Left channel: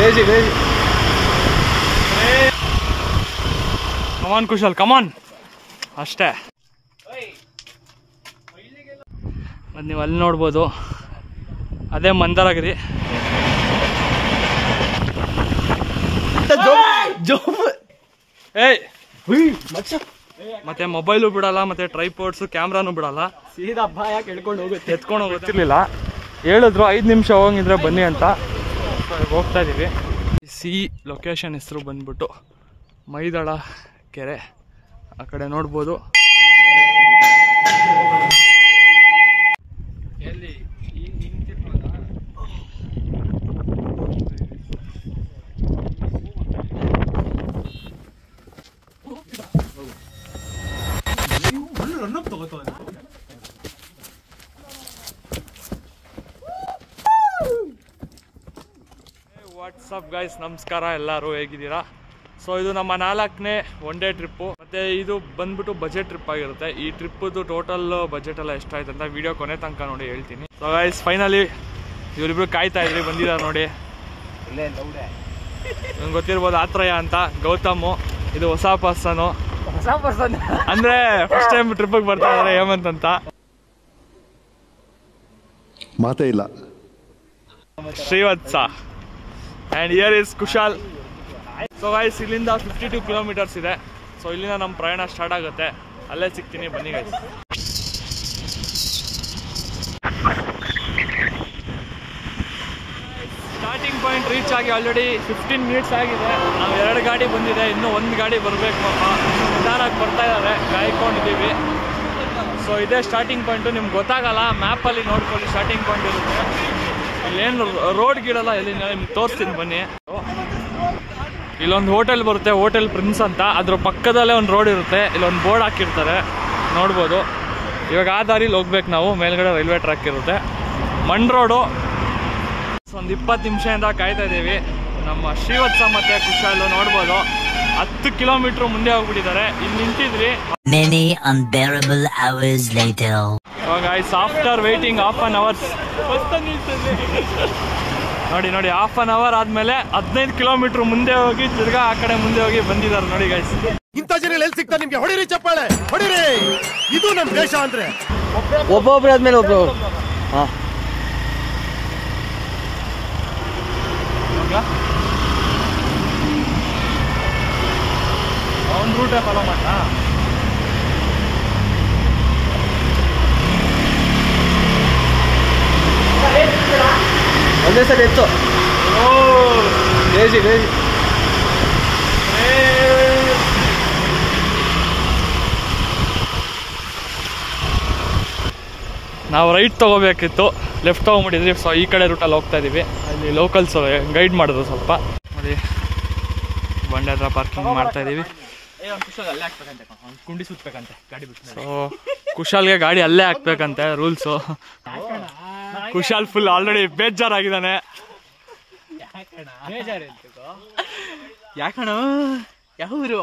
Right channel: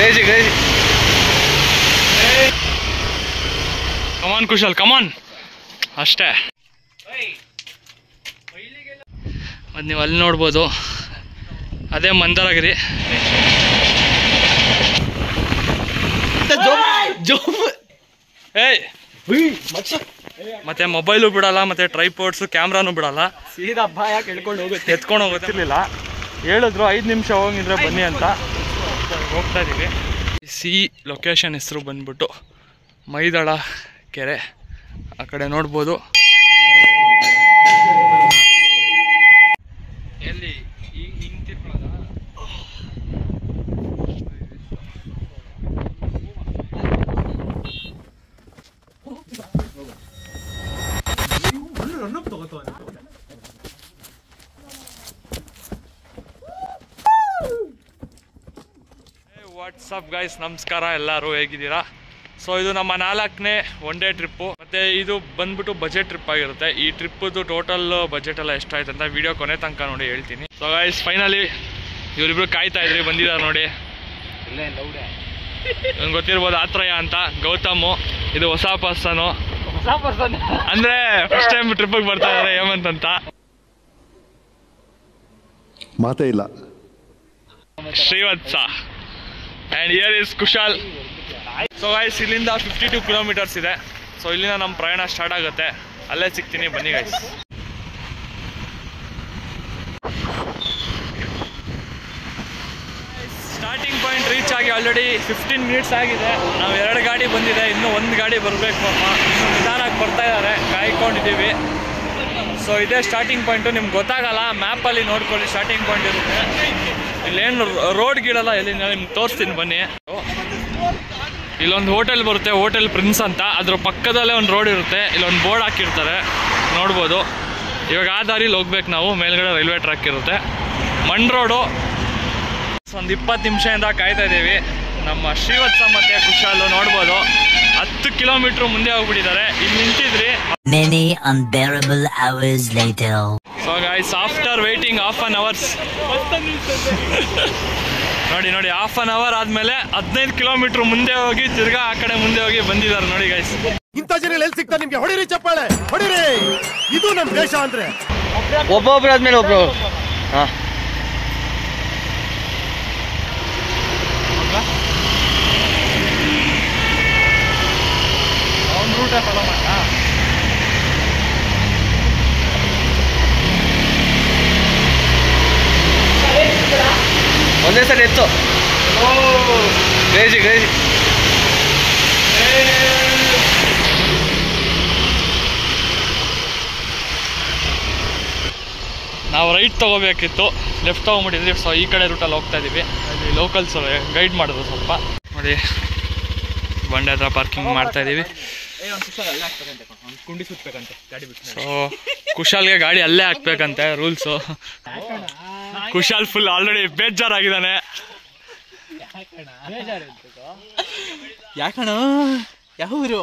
Crazy crazy. Come on Kushal come on, ಅಷ್ಟೇ. ಮತ್ತು ನೀವು ಅಲ್ಲಿ ನೋಡ್ಬೋದು, ಅದೇ ಮಂದಾರಗಿರಿ. ಏಯ್ ಮತ್ತೆ ಮೊಬೈಲು ಬಿಡಲ್ಲ, ಮತ್ತೆ ಟ್ರೈಪೋರ್ಡ್ಸು ಕ್ಯಾಮ್ರಾನು ಬಿಡಲ್ಲ, ಸೀದಾ ಯಾಕೆ ಎತ್ಕೊಂಡು ಹೋಗುತ್ತಿರ್ಲಿಲ್ಲ. ಹೇಳಿದ್ರು 5 ನಿಮಿಷ ಹೋಗಿದ್ರೆ ಬನ್ನಿ ಅಂತ. ಹೋಗ್ತಾ ಇದ್ದೀವಿ. ಸಿ ಲೊಕೇಶನ್ ಹೆಸರು ಬಂದ್ಬಿಟ್ಟು ಮೈದಳ ಕೆರೆ. ಆ ಕಡೆ ನೋಡ್ಬೋದು. ಎಲ್ಲಿ ವಾಟ್ಸಪ್ ಗೈಸ್, ನಮಸ್ಕಾರ. ಎಲ್ಲರೂ ಹೇಗಿದ್ದೀರಾ? ಸೊ ಇದು ನಮ್ಮ 4ನೇ ಒನ್ ಡೇ ಟ್ರಿಪ್ಪು. ಮತ್ತು ಇದು ಬಂದ್ಬಿಟ್ಟು ಬಜೆಟ್ ಟ್ರಿಪ್ ಆಗಿರುತ್ತೆ. ಈ ಟ್ರಿಪ್ಪದು ಟೋಟಲ್ ಬಜೆಟ್ ಎಲ್ಲ ಎಷ್ಟಾಯ್ತು ಅಂತ ವಿಡಿಯೋ ಕೊನೆ ತನಕ ನೋಡಿ ಹೇಳ್ತೀನಿ. ಸೊ ಗೈಸ್ ಫೈನಲಿ ಇವರಿಬ್ರು ಕಾಯ್ತಾ ಇದ್ರಿ, ಬಂದಿದ್ದಾರೆ ನೋಡಿ. ನಂಗೆ ಗೊತ್ತಿರ್ಬೋದು ಆತ್ರಯ ಅಂತ, ಗೌತಮು. ಇದು ಹೊಸ ಪರ್ಸನು, ಅಂದರೆ ಫಸ್ಟ್ ಟೈಮ್ ಟ್ರಿಪ್ಪಿಗೆ ಬರ್ತಾ ಇದ್ದಾರೆ ಹೇಮಂತ್ ಅಂತ. ಮಾತೇ ಇಲ್ಲ. Srivatsa. And here is Kushal. So guys ಇಲ್ಲಿಂದ 52 ಕಿಲೋಮೀಟರ್ಸ್ ಇದೆ. ಸೊ ಇಲ್ಲಿಂದ ನಮ್ಮ ಪ್ರಯಾಣ ಸ್ಟಾರ್ಟ್ ಆಗುತ್ತೆ. ಅಲ್ಲೇ ಸಿಗ್ತೀನಿ, ಬನ್ನಿ ಗೈಸ್. ಸ್ಟಾರ್ಟಿಂಗ್ ಪಾಯಿಂಟ್ ರೀಚ್ ಆಗಿ ಆಲ್ರೆಡಿ 15 ಮಿನಿಟ್ಸ್ ಆಗಿದೆ. ನಾವು 2 ಗಾಡಿ ಬಂದಿದೆ, ಇನ್ನೂ 1 ಗಾಡಿ ಬರಬೇಕು ಪಾಪ. ಇನ್ನೂ ನಿಧಾನಕ್ಕೆ ಬರ್ತಾ ಇದ್ದಾರೆ, ಕಾಯ್ಕೊಂಡಿದ್ದೀವಿ. ಸೊ ಇದೇ ಸ್ಟಾರ್ಟಿಂಗ್ ಪಾಯಿಂಟು. ನಿಮ್ಗೆ ಗೊತ್ತಾಗಲ್ಲ, ಮ್ಯಾಪಲ್ಲಿ ನೋಡ್ಕೊಳ್ಳಿ ಸ್ಟಾರ್ಟಿಂಗ್ ಪಾಯಿಂಟ್ ಇರುತ್ತೆ. ಇಲ್ಲೇನು ರೋಡ್ ಗೀಡಲ್ಲ, ಎಲ್ಲಿಂದ ನಿಮ್ಗೆ ತೋರಿಸ್ತೀನಿ ಬನ್ನಿ. ಇಲ್ಲೊಂದು ಹೋಟೆಲ್ ಬರುತ್ತೆ, ಹೋಟೆಲ್ ಪ್ರಿನ್ಸ್ ಅಂತ. ಅದ್ರ ಪಕ್ಕದಲ್ಲೇ ಒಂದು ರೋಡ್ ಇರುತ್ತೆ. ಇಲ್ಲೊಂದು ಬೋರ್ಡ್ ಹಾಕಿರ್ತಾರೆ, ನೋಡ್ಬೋದು. ಇವಾಗ ಆ ದಾರಿಲಿ ಹೋಗ್ಬೇಕು ನಾವು. ಮೇಲ್ಗಡೆ ರೈಲ್ವೆ ಟ್ರ್ಯಾಕ್ ಇರುತ್ತೆ, ಮಣ್ ರೋಡು. ಒಂದು 20 ನಿಮಿಷದಿಂದ ಕಾಯ್ತಾ ಇದ್ದೀವಿ. ನಮ್ಮ ಶ್ರೀವತ್ಸ ಮತ್ತು ಕುಶಾಲು ನೋಡ್ಬೋದು 10 ಕಿಲೋಮೀಟ್ರ್ ಮುಂದೆ ಹೋಗ್ಬಿಟ್ಟಿದ್ದಾರೆ. ಇಲ್ಲಿ ನಿಂತಿದ್ರಿ. Many unbearable hours later. So guys, after waiting half an hour, ನೋಡಿ half an hour ಆದ್ಮೇಲೆ 15 ಕಿಲೋಮೀಟರ್ ಮುಂದೆ ಹೋಗಿ ತಿರ್ಗಾ ಆ ಕಡೆ ಮುಂದೆ ಹೋಗಿ ಬಂದಿದ್ದಾರೆ ನೋಡಿ ಗೈಸ್. ಇಂಥ ಜನ ಎಲ್ಲಿ ಸಿಗ್ತಾರೆ ನಿಮ್ಗೆ? ಹೊಡಿರಿ ಚಪ್ಪಾಳೆ, ಹೊಡಿರಿ. ಇದು ನಮ್ಮ ದೇಶ ಅಂದ್ರೆ. ಒಬ್ಬೊಬ್ರು ಆದ್ಮೇಲೆ ಒಬ್ರು. ಹಾ ಒಂದೇ ಸರಿ ಎತ್ತು. Crazy crazy. ನಾವು ರೈಟ್ ತೊಗೋಬೇಕಿತ್ತು, ಲೆಫ್ಟ್ ತೊಗೊಂಬಿಟ್ಟಿದ್ವಿ. ಸೊ ಈ ಕಡೆ ರೂಟಲ್ಲಿ ಹೋಗ್ತಾ ಇದ್ದೀವಿ. ಅಲ್ಲಿ ಲೋಕಲ್ಸ್ ಗೈಡ್ ಮಾಡಿದ್ರು ಸ್ವಲ್ಪ. ನೋಡಿ ಬಂಡೆ ಹತ್ರ ಪಾರ್ಕಿಂಗ್ ಮಾಡ್ತಾ ಇದ್ದೀವಿ. ಸೊ ಕುಶಾಲ್ಗೆ ಗಾಡಿ ಅಲ್ಲೇ ಹಾಕ್ಬೇಕಂತೆ ರೂಲ್ಸು. ಕುಶಾಲ್ ಫುಲ್ ಆಲ್ರೆಡಿ ಬೇಜಾರಾಗಿದ್ದಾನೆ. ಯಾಕಣ ಯಾವ ಊರು?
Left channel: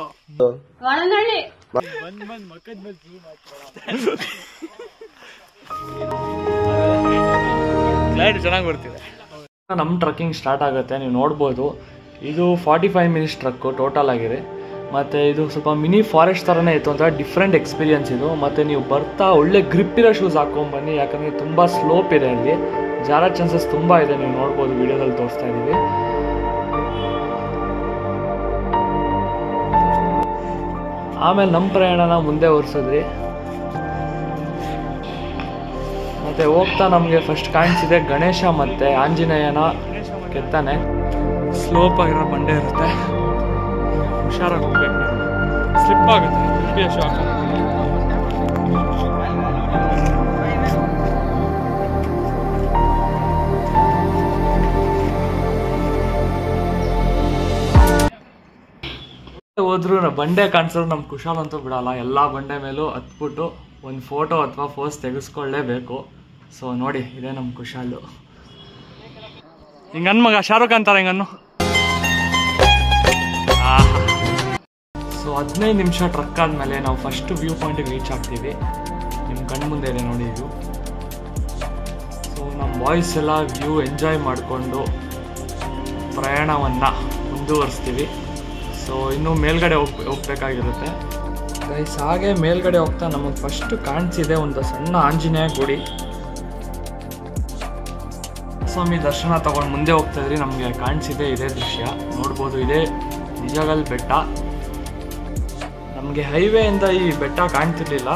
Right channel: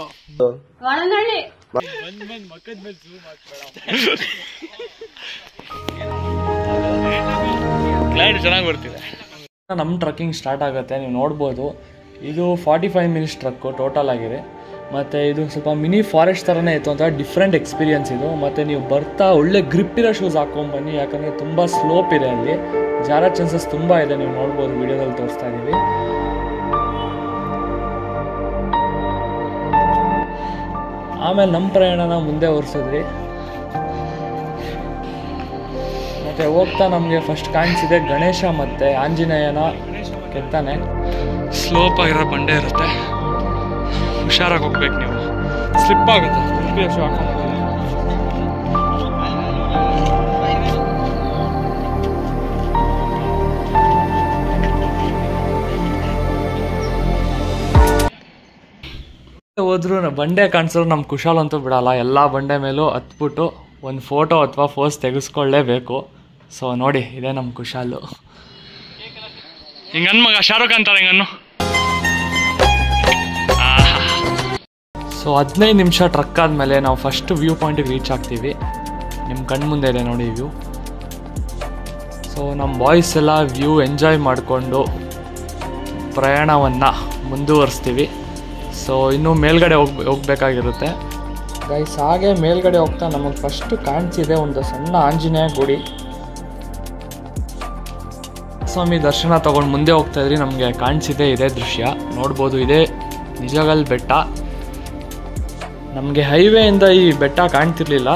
ಕ್ಲೈಂಟ್ ಚೆನ್ನಾಗಿ ಬರ್ತಿದೆ. ನಮ್ಮ ಟ್ರಕ್ಕಿಂಗ್ ಸ್ಟಾರ್ಟ್ ಆಗುತ್ತೆ. ನೀವು ನೋಡ್ಬೋದು, ಇದು 45 ಮಿನಿಟ್ಸ್ ಟ್ರಕ್ಕು ಟೋಟಲ್ ಆಗಿದೆ. ಮತ್ತು ಇದು ಸ್ವಲ್ಪ ಮಿನಿ ಫಾರೆಸ್ಟ್ ಥರನೇ ಇತ್ತು ಅಂತ ಡಿಫ್ರೆಂಟ್ ಎಕ್ಸ್ಪೀರಿಯನ್ಸ್ ಇದು. ಮತ್ತು ನೀವು ಬರ್ತಾ ಒಳ್ಳೆ ಗ್ರಿಪ್ ಇರೋ ಶೂಸ್ ಹಾಕ್ಕೊಂಬನ್ನಿ, ಯಾಕಂದರೆ ತುಂಬ ಸ್ಲೋಪ್ ಇದೆ, ಅಲ್ಲಿ ಜಾರೋ ಚಾನ್ಸಸ್ ತುಂಬ ಇದೆ. ನೀವು ನೋಡ್ಬೋದು, ವಿಡಿಯೋದಲ್ಲಿ ತೋರಿಸ್ತಾ ಇದ್ದೀವಿ. ಆಮೇಲೆ ನಮ್ಮ ಪ್ರಯಾಣನ ಮುಂದೆ ಓಡಿಸಿದ್ವಿ. ಮತ್ತು ಹೋಗ್ತಾ ನಮಗೆ ಫಸ್ಟ್ ಕಾಣಿಸಿದೆ ಗಣೇಶ ಮತ್ತು ಆಂಜನೇಯನ ಕೆತ್ತನೆ. ಸ್ಲೋಪ್ ಆಗಿರೋ ಬಂಡೆ ಇರುತ್ತೆ, ಹುಷಾರಾಗಿ ಹೋಗ್ಬೇಕು ನೀವು, ಸ್ಲಿಪ್ ಆಗುತ್ತೆ. ಹೋದ್ರೂ ಬಂಡೆ ಕಾಣಿಸಿದ್ರು ನಮ್ಮ ಕುಶಾಲ್ ಅಂತೂ ಬಿಡಲ್ಲ. ಎಲ್ಲ ಬಂಡೆ ಮೇಲೂ ಹತ್ಬಿಟ್ಟು ಒಂದು ಫೋಟೋ ಅಥವಾ ಪೋಸ್ ತೆಗೆಸ್ಕೊಳ್ಳೇಬೇಕು. ಸೊ ನೋಡಿ, ಇದೇ ನಮ್ಮ ಕುಶಾಲು. ಹಿಂಗನ್ ಮಗ ಶಾರುಖ್ ಅಂತಾರೆ ಹಿಂಗನ್ನು. ಸೊ 15 ನಿಮಿಷ ಟ್ರಕ್ ಆದಮೇಲೆ ನಾವು ಫಸ್ಟ್ ವ್ಯೂ ಪಾಯಿಂಟಿಗೆ ರೀಚ್ ಆಗ್ತೀವಿ. ನಿಮ್ಮ ಕಣ್ಣು ಮುಂದೆ ಇದೆ ನೋಡಿ ವ್ಯೂ. ಸೊ ನಮ್ಮ ಬಾಯ್ಸ್ ಎಲ್ಲ ವ್ಯೂ ಎಂಜಾಯ್ ಮಾಡಿಕೊಂಡು ಪ್ರಯಾಣವನ್ನು ಮುಂದುವರಿಸ್ತೀವಿ. ಸೊ ಇನ್ನೂ ಮೇಲ್ಗಡೆ ಹೋಗ್ಬೇಕಾಗಿರುತ್ತೆ ಗೈಸ್. ಹಾಗೆ ಮೇಲ್ಗಡೆ ಹೋಗ್ತಾ ನಮಗೆ ಫಸ್ಟ್ ಕಾಣಿಸಿದೆ ಒಂದು ಸಣ್ಣ ಆಂಜನೇಯ ಗುಡಿ. ಸ್ವಾಮಿ ದರ್ಶನ ತೊಗೊಂಡು ಮುಂದೆ ಹೋಗ್ತಾ ಇದ್ರಿ ನಮಗೆ ಕಾಣಿಸಿದೆ ಇದೇ ದೃಶ್ಯ ನೋಡ್ಬೋದು. ಇದೇ ನಿಜಗಲ್ ಬೆಟ್ಟ. ನಮಗೆ ಹೈವೇಯಿಂದ ಈ ಬೆಟ್ಟ ಕಾಣ್ತಿರ್ಲಿಲ್ಲ.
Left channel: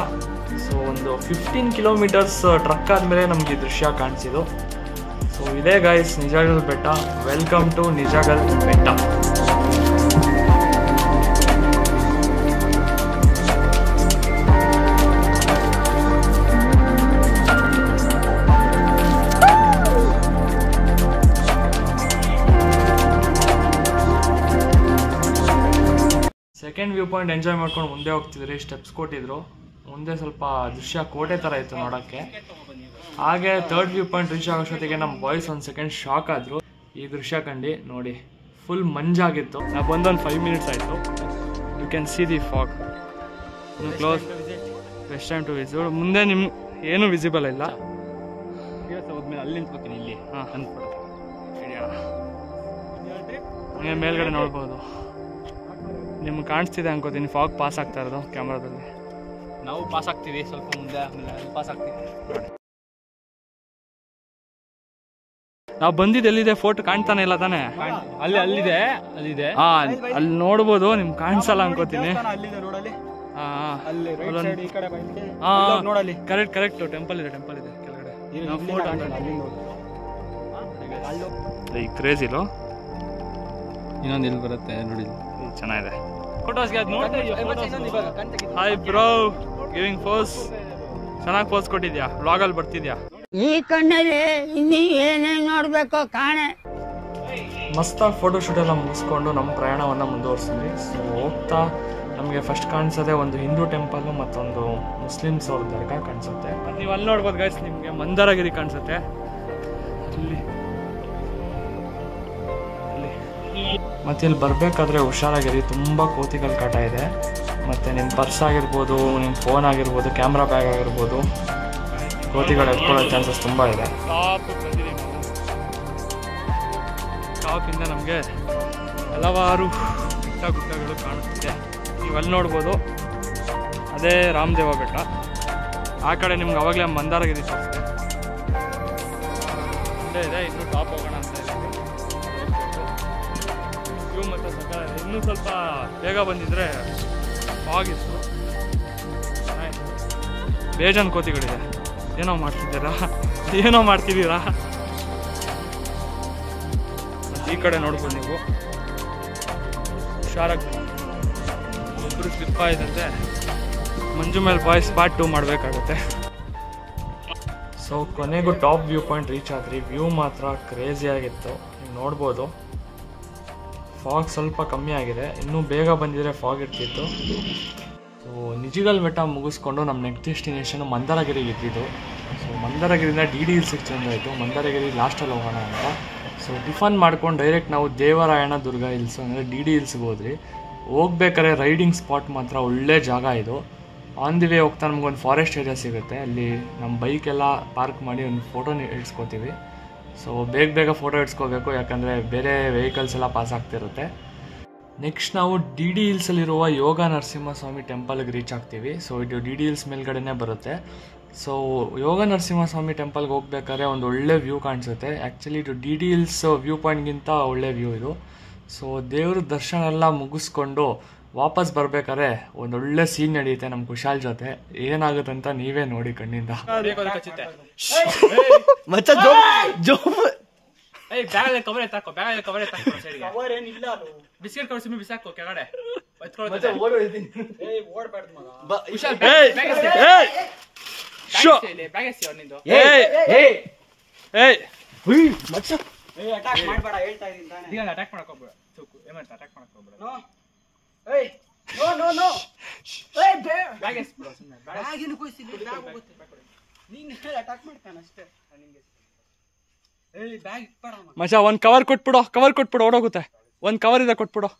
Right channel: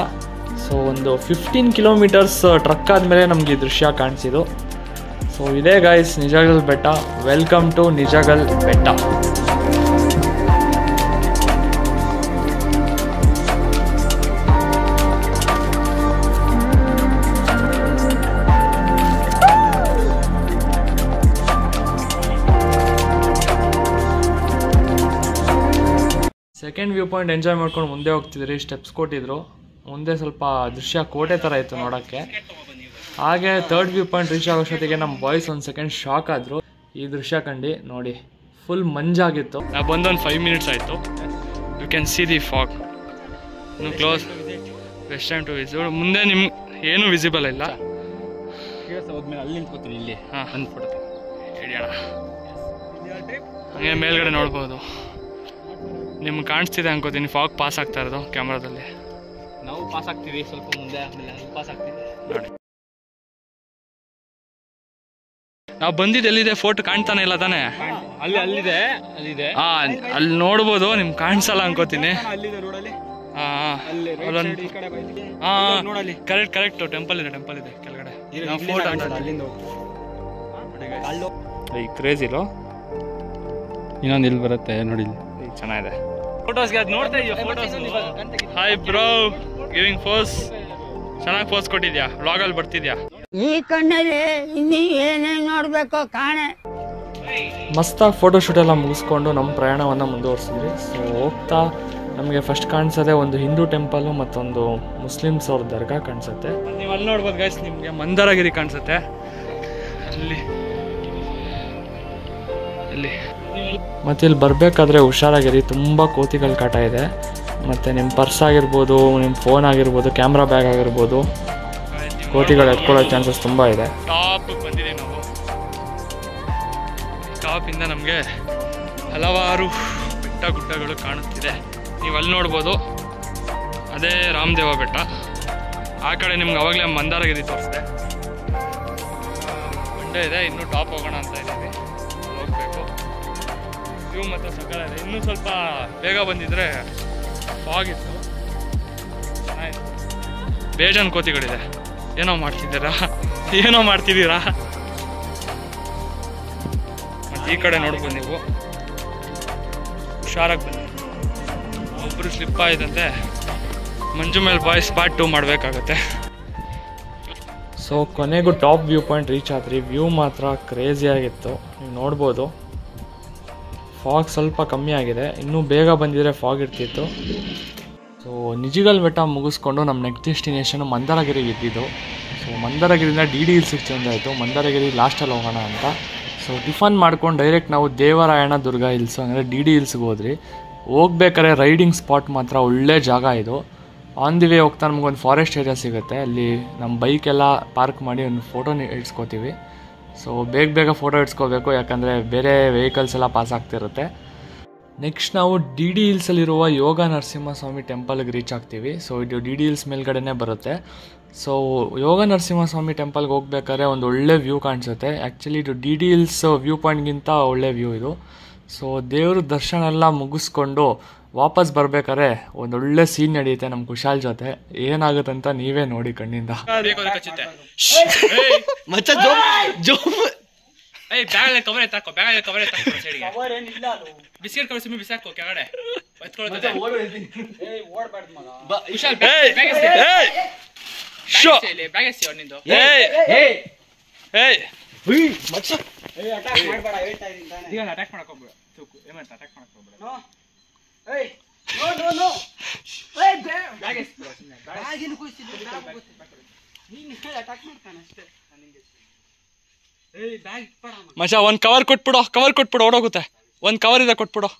ಸೊ ಒಂದು 15 ಕಿಲೋಮೀಟರ್ಸ್ ಟ್ರಕ್ ಆದಮೇಲೆ ನಮಗೆ ಈ ದೃಶ್ಯ ಕಾಣಿಸಿದ್ದು. ಸೊ ಇದೇ guys Nijagal Betta. Welcome to Nijagal ಬೆಟ್ಟ. ಸೆಕೆಂಡ್ ವ್ಯೂ ಪಾಯಿಂಟ್ ಎಂಜಾಯ್ ಮಾಡ್ಕೊಂಡು ಮುಂದೆ ಹೋಗ್ತಿದ್ರಿ. ಸ್ಟೆಪ್ಸ್ ಕೊಟ್ಟಿದ್ರು, ಮುಂದೆ ಸ್ವಲ್ಪ ದೃಶ್ಯ ಕೋಟೆ ಥರ ಇತ್ತು ನೋಡೋಕ್ಕೆ. ಹಾಗೆ ಥರ್ಡ್ ವ್ಯೂ ಪಾಯಿಂಟ್ ರೀಚ್ ಆಗೋಷ್ಟೊತ್ತಿಗೆ ನಮ್ಮ ಬಾಯ್ಸ್ ಒಂದು ಸೆಕೆಂಡ್ ಶಾಕ್ ಆದರು ಈ ದೃಶ್ಯ ಕಂಡು. ನೋಡಿ ಫುಲ್ ಮಂಜಾಗಿತ್ತು. ನಾವು ಬಂದೊಂದು 5 ಮಿನಿಟ್ಸ್ ಆಯಿತು. You can see the fog. ಇನ್ನು close best time to visit. ಮುಂದೆ ನಿಮ್ಗೆ ಏನೂ ವಿಸಿಬಲ್ ಇಲ್ಲ. ಹಾಂ ಹಿಡಿಯೋಣ. ಹಂಗೆ ಮೇಲ್ಗಡೆ ನೋಡ್ಬೋದು. ನಿಮ್ಗೆ ಕಾಣಿಸ್ತಿದೆ ಅನ್ಕೋತೀನಿ ಫಾಗ್ ಪಾಸ್ ಆಗ್ತಾ ಇರೋದು ಕ್ಯಾಮ್ರಾದಲ್ಲಿ. ನಾವು ಪಾಸ್ ಆಗ್ತೀವಿ ಸ್ವಲ್ಪ ಮುಂದೆ, ಆಮೇಲೆ ಪಾಸ್ ಆಗ್ತೀವಿ ನೋಡಿ. ನಾವು ಬಂದಿದ್ದು ಎಲ್ಲಿದೆ? ಫೋಟೋ ಕಾಣ್ತಾನೆ ಇಲ್ಲ ತಾನೆ? ಅಲ್ಲಿದೆ. ಹಾಂ ಅಲ್ಲಿ ನೋಡ್ಬೋದು. ನಿಮ್ಗೆ ಕಾಣಿಸಲ್ಲ ಅನ್ಕೋತೀನಿ. ಹಾಂ ಕರೆಕ್ಟ್ ಟೆಂಪಲ್ ಇದೆ ಕೆಳಗಡೆ. ಈ ಕ್ರೇಜ್ ಇಲ್ಲೋ ಇನ್ನೊಂದು ಇಲ್ಲಿ ಬರುತ್ತೆ ನೋಡಿ, ಚೆನ್ನಾಗಿದೆ. ಫೋಟೋಸ್ಗೆ ಅದು ನೋಡ್ತಾ ಇದೆಯಾ? Hi bro, giving pose. ಚೆನ್ನಾಗಿ ಪೋಸ್ ಕೊಟ್ಟಿದ್ಯಾ. ವ್ಲಾಗಲ್ಲಿ ಬರ್ತಿದ್ಯಾ? ಈ ಕಣ್ಣಲ್ಲಿ ಇನ್ನೀ ಏನೇನು ನೋಡ್ಬೇಕೋ ಕಾಣೆ. ಮಸ್ತಾಗಿ ಫೋಟೋಶೂಟ್ ಎಲ್ಲ ಮುಗಿಸ್ಕೊಂಡು ನಮ್ಮ ಪ್ರಯಾಣವನ್ನು ಮುಂದುವರಿಸಿದ್ವಿ. ಸೊ ಹೋಗ್ತಾ ನಮಗೆ ಫಸ್ಟ್ ಕಾಣಿಸೋದೆ ಒಂದು ಹಿಂದೂ ಟೆಂಪಲ್ಲು ಮತ್ತೊಂದು ಮುಸ್ಲಿಮ್ಸ್ ಅವ್ರ ದರ್ಗಾ ಕಾಣಿಸುತ್ತೆ. ನೀವು ಅಲ್ಲಿ ನೋಡ್ಬೋದು ಗೈಸ್, ನಿಮಗೆ ಮಂದಾರಗಿರಿ ಕಾಣಿಸುತ್ತೆ ಅಲ್ಲಿ. ಮತ್ತು ಇಲ್ಲಿ ಬರಬೇಕಾದ್ರೆ ಹುಷಾರಾಗಿರಿ, ತುಂಬ ಕೋತಿಗಳ ಕಾಟ ಇದೆ. ಮತ್ತು ನಿಮ್ಮ ಪರ್ಸ್ ಆಗಿರ್ಬೋದು, ನಿಮ್ಮ ಫೋನ್ ಆಗಿರ್ಬೋದು, ಕ್ಯಾಮ್ರಾ ಬ್ಯಾಗ್ ಆಗಿರ್ಬೋದು, ಕೋತಿಗಳು ಎತ್ಕೊಳ್ಳೋ ಚಾನ್ಸಸ್ ತುಂಬ ಇದೆ. ಟಾಪಿಗೆ ಬಂದಿದ್ದೀವಿ ನಾವು. ಟಾಪಿಂದ ನಮಗೆ ಹಲವಾರು ಬೆಟ್ಟ ಗುಡ್ಡಗಳು ಕಾಣಿಸ್ತಿದೆ. ನೀವು ಅಲ್ಲಿ ನೋಡ್ಬೋದು, ಅದೇ ರಾಮದೇವ ಬೆಟ್ಟ. ಆ ಕಡೆ ನಿಮ್ಗೆ ಅವಾಗಲೇ ಮಂದಾರಗಿರಿ ತೋರಿಸಿದೆ. ಮಂಡ್ಯ ಇದೆ. ಇನ್ನೂ ಟಾಪ್ ಹೋಗೋಣ ಅಂತ ಇದ್ದೀವಿ, ಹೋಗಬೇಕು. ವ್ಯೂ ಮತ್ತು ಸಕಲ ಇದೆ. ಇನ್ನೂ ಸ್ವಲ್ಪ ಬೇಗ ಬಂದಿದ್ರೆ ಫಾಗ್ ಇತ್ತು. ಆಯಿತು. ಬೇಜಾನ್ ಕೋತಿಗಳಿದೆ. ಏನೋ ಮಾಡ್ತಿದ್ದೀರಾ? ಮತ್ತು ಈ ಕಡೆ ನೋಡ್ಬೋದು ನೀವು. ಹುಷಾರಾಗಿ ಬನ್ನಿ. ಒಬ್ಬರು ಸ್ಲಿಪ್ ಆಯ್ತಂತೆ. ಮಂಜು ಮೇಲೆ ಬಾಯ್ಸ್ ಪಾರ್ಟ್ 2 ಮಾಡಬೇಕಾಗತ್ತೆ. ಸೊ ಕೊನೆಗೂ ಟಾಪ್ ವ್ಯೂ ಪಾಯಿಂಟ್ ರೀಚ್ ಆದ್ರಿ. ವ್ಯೂ ಮಾತ್ರ ಕ್ರೇಜಿಯಾಗಿತ್ತು. ನೀವು ನೋಡ್ಬೋದು. ಫಾಗ್ ಸ್ವಲ್ಪ ಕಮ್ಮಿ ಆಗಿದೆ. ಇನ್ನೂ ಬೇಗ ಬಂದಿದ್ರೆ ಫಾಗ್ ಇರ್ತಿತ್ತು. ಸೊ ನಿಜಗಲ್ ಬೆಟ್ಟ ಮುಗಿಸ್ಕೊಂಡು ನಮ್ಮ ನೆಕ್ಸ್ಟ್ ಡೆಸ್ಟಿನೇಷನು ಮಂದಾರಗಿರಿಗೆ ಇದ್ದಿದ್ದು. ಸೊ ಮಂದಾರಗಿರಿಯಿಂದ DD ಹಿಲ್ಸಿಗೆ ಚೇಂಜ್ ಆಯಿತು. ಮಂದಾರಗಿರಿ ಲಾಸ್ಟಲ್ಲಿ ಹೋಗೋಣ ಅಂತ. ಸೊ ಟಿಫನ್ ಮಾಡ್ಕೊಂಡು ಡೈರೆಕ್ಟ್ ನಾವು ದೇವರಾಯಣ ದುರ್ಗ ಹಿಲ್ಸು ಅಂದರೆ DD ಹಿಲ್ಸ್ಗೆ ಹೋದ್ರಿ. ಹೋಗ್ಬೇಕಾದ್ರೆ ರೈಡಿಂಗ್ ಸ್ಪಾಟ್ ಮಾತ್ರ ಒಳ್ಳೆ ಜಾಗ ಇದು. ಆನ್ ದಿ ವೇ ಹೋಗ್ತಾ ನಮಗೊಂದು ಫಾರೆಸ್ಟ್ ಏರಿಯಾ ಸಿಗುತ್ತೆ. ಅಲ್ಲಿ ನಮ್ಮ ಬೈಕೆಲ್ಲ ಪಾರ್ಕ್ ಮಾಡಿ ಒಂದು ಫೋಟೋ ಇಡ್ಸ್ಕೊತೀವಿ. ಸೊ ಬೇಗ ಫೋಟೋ ಇಡ್ಸ್ಕೋಬೇಕು, ಯಾಕಂದರೆ ಬೇರೆ ವೆಹಿಕಲ್ಸ್ ಎಲ್ಲ ಪಾಸ್ ಆಗ್ತಿರುತ್ತೆ. ನೆಕ್ಸ್ಟ್ ನಾವು DD ಹಿಲ್ಸಲ್ಲಿರುವ ಯೋಗ ನರಸಿಂಹಸ್ವಾಮಿ ಟೆಂಪಲ್ಗೆ ರೀಚ್ ಆಗ್ತೀವಿ. ಸೊ ಇದು DD ಹಿಲ್ಸ್ ಮೇಲ್ಗಡೆನೇ ಬರುತ್ತೆ. ಸೊ ಯೋಗ ನರಸಿಂಹಸ್ವಾಮಿ ಟೆಂಪಲ್ಗೆ ಹೋಗ್ಬೇಕಾದ್ರೆ ಒಂದು ಒಳ್ಳೆ ವ್ಯೂ ಕಾಣಿಸುತ್ತೆ. ಆ್ಯಕ್ಚುಲಿ ಇದು DD ಹಿಲ್ಸ್ ವ್ಯೂ ಪಾಯಿಂಟ್ಗಿಂತ ಒಳ್ಳೆ ವ್ಯೂ ಇದು. ಸೊ ದೇವ್ರ ದರ್ಶನ ಎಲ್ಲ ಮುಗಿಸ್ಕೊಂಡು ವಾಪಸ್ ಬರ್ಬೇಕಾದ್ರೆ ಒಂದೊಳ್ಳೆ ಸೀನ್ ನಡೆಯುತ್ತೆ ನಮ್ಮ ಕುಶಾಲ್ ಜೊತೆ. ಏನಾಗುತ್ತಂತ ನೀವೇ ನೋಡಿ ಕಣ್ಣಿಂದ. ಮಚ್ಚ ಒಂದು ಕವರ್ ಕೊಟ್ಬಿಡು ಓಡೋಗುತ್ತೆ. ಒಂದು ಕವರ್ ಇದೆ ಕೊಟ್ಬಿಡು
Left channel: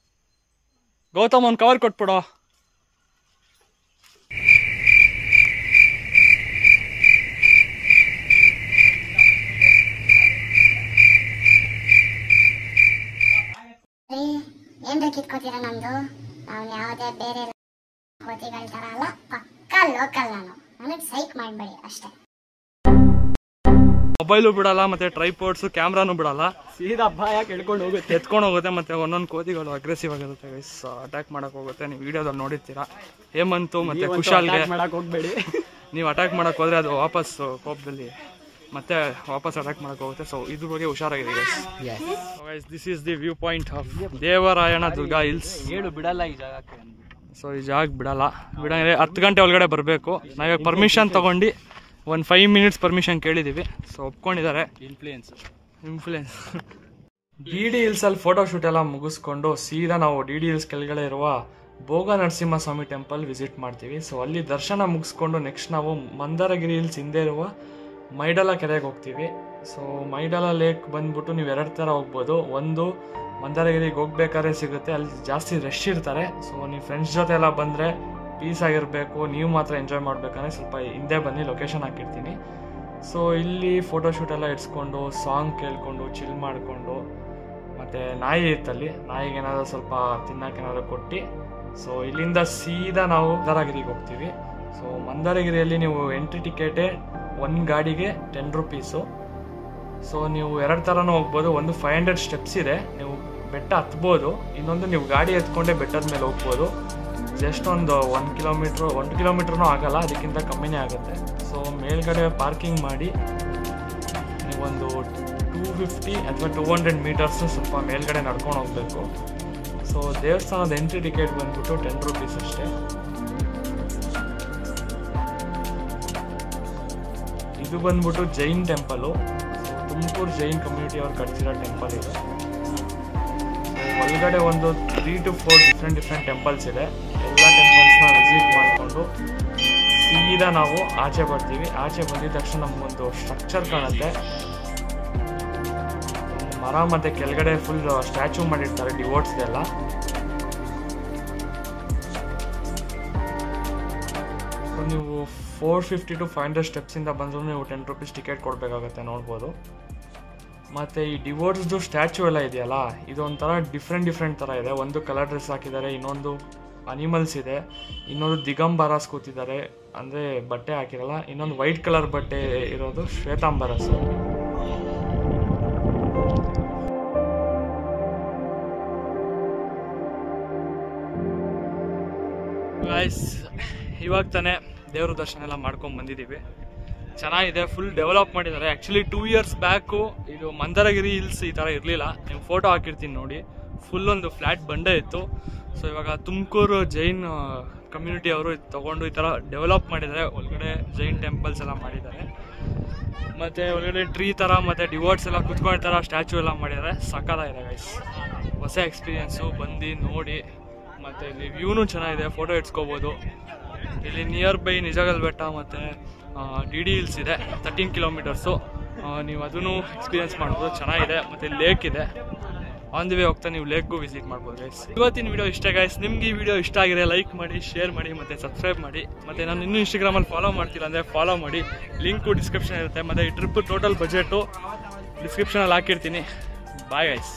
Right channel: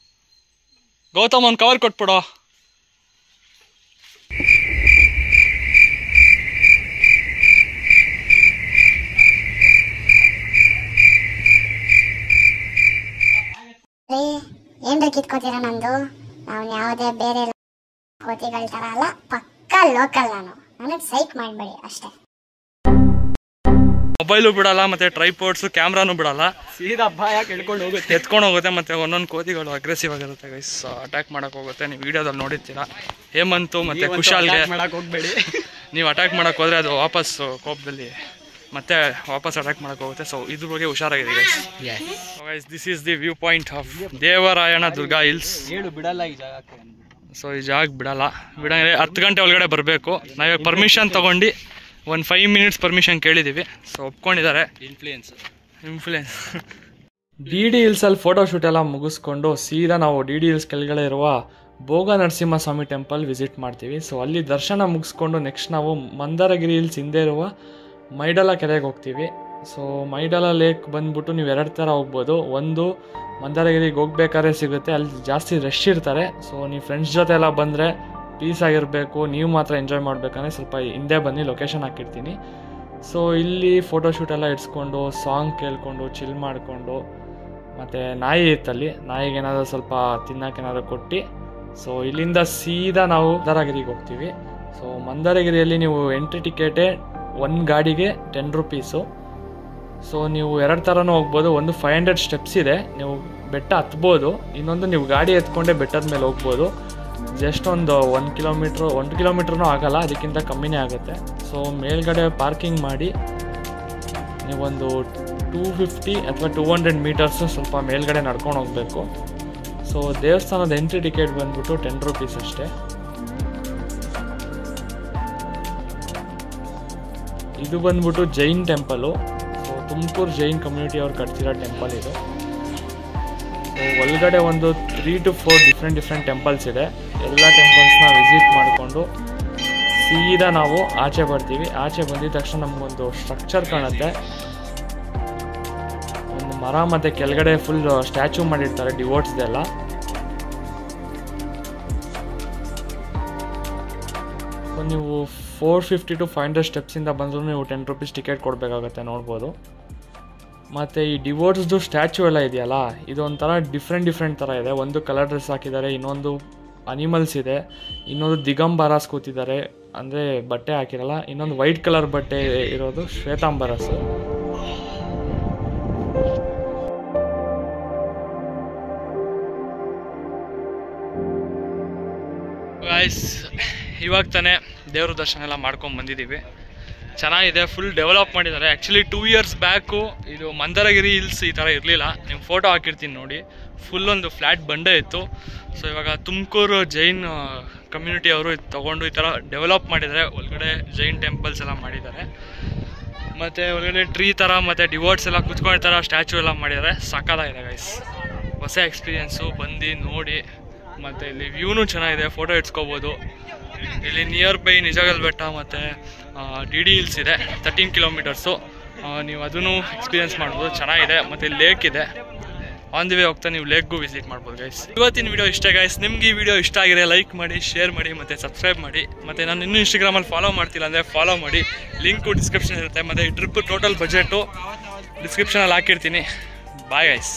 ಗೌತಮ್, ಒಂದು ಕವರ್ ಕೊಟ್ಬಿಡು. ಏನ್ರಿ ಕಿತ್ಕೋತೀರ ನಂದು? ನಾವು ಯಾವುದೇ ಬೇರೆ ಕೋತಿಗಳ ತರ ಅಲ್ಲ, ಪಕ್ಕಾ ಲೋಕಲ್. ನನಗೆ ಸೈಕ್ ಮಾಡಬೇಡಿ ಅಷ್ಟೇ. ಮೊಬೈಲು ಬಿಡಲ್ಲ, ಮತ್ತೆ ಟ್ರೈಪೋರ್ಡ್ಸ್ ಕ್ಯಾಮ್ರಾನು ಬಿಡಲ್ಲ, ಸೀದಾ ಭಯ ಕೇಳ್ಕೊಂಡು ಹೋಗುತ್ತೆ, ಎತ್ಕೊಂಡು ಹೋಗುತ್ತೆ. ಮತ್ತೆ ಒಂದೊಂದು ಕೋತಿಗಳು ಅಗ್ರೆಸಿವ್ ಆಗಿರುತ್ತೆ ಗೈಸ್, ಅಟ್ಯಾಕ್ ಮಾಡಕ್ ಹೋಗುತ್ತೆ. ನೀವು ವಿಡಿಯೋದಲ್ಲಿ ನೋಡಿರ್ತೀರಾ. ಹೇಮಂತು ಮತ್ತೆ ಕುಶಾಲ್ಗೆ ಮಾಡಕ್ ಹೋಗ್ಬೇಡಿ. ನೀವು ಅಟ್ಯಾಕ್ ಮಾಡಕ್ ಹೋದ್ರೆ ಅದು ವಾಪಸ್ ಕೋಪದಲ್ಲಿ ಮತ್ತೆ ವಾಪಸ್ ಅಟ್ಯಾಕ್ ಮಾಡಕ್ ಹೋಗುತ್ತೆ. ಸೊ ಇದ್ರ ಬಗ್ಗೆ ಹುಷಾರಾಗಿದೆ guys. Guys, this is the view point of Devarayanadurga hills. ಹೇಳು ಬಿಡಲ್ಲ ಈ ಜಾಗಕ್ಕೆ. ಸೊ ಈ ಜಾಗ ಬಿಡಲ್ಲ. 10 ಗಂಟೆ ಒಳಗಡೆ ಬರಬೇಕು. ನಾವಿವಾಗ ಪರ್ಮಿಷನ್ ತೊಗೊಂಡು ಒಂದು 5 ಮಿನಿಟ್ಸ್ ಪರ್ಮಿಷನ್ ಕೇಳಿದ್ದೀವಿ. ಸೊ ಒಪ್ಕೊಂಡಿದ್ದಾರೆ. ಇನ್ಫ್ಲೂಯೆನ್ಸ್ DD ಹಿಲ್ಸಲ್ಲಿ ಫೋಟೋಶೂಟ್ ಎಲ್ಲ ಮುಗಿಸ್ಕೊಂಡು ಸೀದಾ ನಾವು DD ಹಿಲ್ಸ್ ಕೆಳಗಡೆ ಇರುವ ಭೋಗ ನರಸಿಂಹಸ್ವಾಮಿ ಟೆಂಪಲ್ ವಿಸಿಟ್ ಮಾಡ್ತೀವಿ. ಸೊ ಅಲ್ಲಿ ದರ್ಶನ ಮುಗಿಸ್ಕೊಂಡು ನೆಕ್ಸ್ಟ್ ನಾವು ಮಂದಾರಗಿರಿ ಹಿಲ್ಸ್ ಹಿಂದೆ ಇರುವ ಮೈಡಲ ಕೆರೆಗೆ ಹೋಗ್ತೀವಿ. ಸೊ ಮೈಡಲ ಲೇಕ್ ಬಂದ್ಬಿಟ್ಟು ನೀವು 2 ಥರ ಹೋಗ್ಬೋದು. ಒಂದು ಮಂದಾರಗಿರಿಗೆ ಹೋಗ್ಬೇಕಾದ್ರೆ ಸಿಗುತ್ತೆ, ಅಲ್ಲಿ ಜಾಸ್ತಿ ರಶ್ ಇರ್ತಾರೆ. ಸೊ ನೀವು ಫ್ರೆಂಡ್ಸ್ ಜೊತೆ ಎಲ್ಲ ಬಂದರೆ ಪೀಸ್ ಆಗಿರಬೇಕು, ನೀವು ಮಾತ್ರ ಎಂಜಾಯ್ ಮಾಡಬೇಕಂದ್ರೆ ಸ್ವಲ್ಪ ಹಿಂದೆ ಬನ್ನಿ, ಲೊಕೇಶನ್ ಹಾಕಿರ್ತೀನಿ. ಸೊ ಇಲ್ಲಿ ಫೋಟೋಶೂಟ್ ಎಲ್ಲ ಇಡ್ಸ್ಕೊಂಡು ಸಾಂಗ್ ಕೇಳಿಕೊಂಡು ಚಿಲ್ ಮಾಡಿಕೊಂಡು, ಮತ್ತು ನಾಯಿ ಇತ್ತಲ್ಲಿ, ನಾಯಿಗೆ ಏನಾದರೂ ಸ್ವಲ್ಪ ತಿನ್ನೋಕ್ಕೇನಾದರೂ ಕೊಟ್ಟು ಸೊ ಇಲ್ಲಿಂದ ಸೀದಾ ನಾವು ಮಂದಾರಗಿರಿಗೆ ಹೋಗ್ತೀವಿ. ಸೊ ಮಂದಾರಗಿರಿಯಲ್ಲಿ ನೀವು ಎಂಟ್ರಿ ಟಿಕೆಟೇ ಒಂದು ಗಾಡಿಗೆ 10 ರೂಪೀಸು. ಸೊ ನೀವು 2 ಥರನೂ ಹೋಗ್ಬೋದು. ಒಂದು 500 ಸ್ಟೆಪ್ಸ್ ಇದೆ, ನೀವು ಬೆಟ್ಟ ಹತ್ಬೋದು. ಇನ್ನೊಂದು ನೀವು ಗಾಡಿ ಎತ್ಕೊಂಡೆ ಬೆಟ್ಟದ ಮೇಲೆ ಹೋಗ್ಬೋದು. ಜಸ್ಟ್ ಒಂದು 1 ಕಿಲೋಮೀಟ್ರೂ ಆಗಲ್ಲ, ಅದಕ್ಕಿಂತ ಕಮ್ಮಿನೇ ಆಗುತ್ತೆ. ಸೊ ಮೇಲ್ಗಡೆ ಪಾರ್ಕಿಂಗ್ ಮಾಡಿ ನೀವೊಂದು 250 ಅಥವಾ 200 ಮೀಟರ್ಸು ಸ್ವಲ್ಪ ಮೇಲ್ಗಡೆ ನಡ್ಕೊಂಡು ಹೋಗಬೇಕು. ಸೊ ದೇವಸ್ಥಾನದ ಎಂಟ್ರಿ ಟಿಕೆಟ್ ಬಂದ್ಬಿಟ್ಟು 10 ರೂಪೀಸ್ ಅಷ್ಟೇ. ಇದು ಬಂದ್ಬಿಟ್ಟು Jain temple. So Tumakuru Jain community ಅವ್ರು ಕಟ್ತಿರೋ ಟೆಂಪಲ್ ಇದೆ. ಸೊ ಒಳಗಡೆ ಒಂದು 3 to 4 ಡಿಫ್ರೆಂಟ್ ಟೆಂಪಲ್ಸ್ ಇದೆ. ಎಲ್ಲ ಟೆಂಪಲ್ಸ್ನ ವಿಸಿಟ್ ಮಾಡಿಕೊಂಡು ಸೀದಾ ನಾವು ಆಚೆ ಬರ್ತೀವಿ. ಆಚೆ ಬಂದಿದ ತಕ್ಷಣ ನಮಗೊಂದು ಸ್ಟ್ರಕ್ಚರ್ ಕಾಣುತ್ತೆ, ಒಂದು ಮರ ಮತ್ತು ಕೆಳಗಡೆ ಫುಲ್ ಸ್ಟ್ಯಾಚ್ಯೂ ಮಾಡಿರ್ತಾರೆ ಡಿವೋಟ್ಸ್ದೆಲ್ಲ. ಸೊ ನೀವು 450 to 500 ಸ್ಟೆಪ್ಸಿಂದ ಬಂದರೂ ನೀವು 10 ರೂಪೀಸ್ ಟಿಕೆಟ್ ಕೊಡಬೇಕಾಗತ್ತೆ, ನೋಡ್ಬೋದು. ಮತ್ತು ಈ ಡಿವೋಟ್ಸ್ದು ಸ್ಟ್ಯಾಚ್ಯೂ ಎಲ್ಲ ಇದೆಯಲ್ಲ, ಇದೊಂಥರ ಡಿಫ್ರೆಂಟ್ ಥರ ಇದೆ. ಒಂದು ಕಲರ್ ಡ್ರೆಸ್ ಹಾಕಿದ್ದಾರೆ, ಇನ್ನೊಂದು ಅನಿಮಲ್ಸ್ ಇದೆ, ಇನ್ನೊಂದು ದಿಗಂಬರಾಸ್ ಕೂತಿದ್ದಾರೆ, ಅಂದರೆ ಬಟ್ಟೆ ಹಾಕಿರಲ್ಲ, ಇನ್ನೊಂದು ವೈಟ್ ಕಲರ್ ಬಟ್ಟೆ ಇರೋದು ಶ್ವೇತಾಂಬರಸ್. ಗೈಸ್, ಇವಾಗ ತಾನೇ ದೇವ್ರ ದರ್ಶನ ಎಲ್ಲ ಮಾಡ್ಕೊಂಡು ಬಂದಿದ್ದೀವಿ. ಚೆನ್ನಾಗಿದೆ, ಫುಲ್ ಡೆವಲಪ್ ಮಾಡಿದ್ದಾರೆ. ಆ್ಯಕ್ಚುಲಿ 2 years ಬ್ಯಾಕು ಇದು ಮಂದಾರಗಿರಿ ಹಿಲ್ಸ್ ಈ ಥರ ಇರಲಿಲ್ಲ. ನೀವು ಫೋಟೋ ಹಾಕಿರ್ತೀನಿ ನೋಡಿ, ಫುಲ್ ಒಂದು ಫ್ಲ್ಯಾಟ್ ಬಂಡೆ ಇತ್ತು. ಸೊ ಇವಾಗ ತುಮಕೂರು ಜೈನ್ ಕಮ್ಯುನಿಟಿ ಅವರು ಇದು ತೊಗೊಂಡು ಈ ಥರ ಡೆವಲಪ್ ಮಾಡಿದ್ದಾರೆ. ಒಳಗಡೆ ಜೈನ್ ಟೆಂಪಲ್ಸ್ ಎಲ್ಲ ಮಾಡಿದ್ದಾರೆ, ಮತ್ತು ಒಳಗಡೆ ಟ್ರೀ ಥರ ಮತ್ತು ಡಿವೋಟ್ಸ್ ಎಲ್ಲ ಕುತ್ಕೊಂಡಿರ್ತಾರೆ, ಸ್ಟ್ಯಾಚ್ಯೂ ಎಲ್ಲ ಮಾಡಿದ್ದಾರೆ. ಸಕ್ಕತ್ತಾಗಿದೆ ಗೈಸ್, ಹೊಸ ಎಕ್ಸ್ಪೀರಿಯೆನ್ಸು. ಬಂದು ನೋಡಿ, ಮತ್ತು ಇಲ್ಲಿ ವ್ಯೂನೂ ಚೆನ್ನಾಗಿದೆ, ಫೋಟೋ ಇಡ್ಸ್ಕೋಬೋದು. ಇಲ್ಲಿ ನಿಯರ್ ಬೈ ನಿಜಗಲ್ ಬೆಟ್ಟ ಮತ್ತು DD ಹಿಲ್ಸ್ ಇದೆ, 13 ಕಿಲೋಮೀಟರ್ಸು. ನೀವು ಅದನ್ನು ಎಕ್ಸ್ಪೀರಿಯೆನ್ಸ್ ಮಾಡ್ಬೋದು, ಚೆನ್ನಾಗಿದೆ. ಮತ್ತು ಲೇಕ್ ಇದೆ, ಆನ್ ದಿ ವೇ ಹೋಗ್ತಾ ನೀವು ಲೇಕ್ಗೂ ವಿಸಿಟ್ ಮಾಡ್ಬೋದು ಗೈಸ್. ಇವತ್ತಿನ ವಿಡಿಯೋ ಇಷ್ಟ ಗೈಸ್. ನಿಮ್ಗೆ ಈ ವಿಡಿಯೋ ಇಷ್ಟ ಆಗಿದೆ ಲೈಕ್ ಮಾಡಿ, ಶೇರ್ ಮಾಡಿ, ಮತ್ತು ಸಬ್ಸ್ಕ್ರೈಬ್ ಮಾಡಿ. ಮತ್ತು ನಾನು ಇನ್ನೂ ಇನ್ಸ್ಟಾಗ್ರಾಮಲ್ಲಿ ಫಾಲೋ ಮಾಡ್ತಿಲ್ಲ ಅಂದರೆ ಫಾಲೋ ಮಾಡಿ, ಲಿಂಕು ಡಿಸ್ಕ್ರಿಪ್ಷನ್ ಇರುತ್ತೆ. ಮತ್ತು ಈ ಟ್ರಿಪ್ ಟೋಟಲ್ ಬಜೆಟು ಡಿಸ್ಕ್ರಿಪ್ಷನಲ್ಲಿ ಹಾಕಿರ್ತೀನಿ. Bye guys.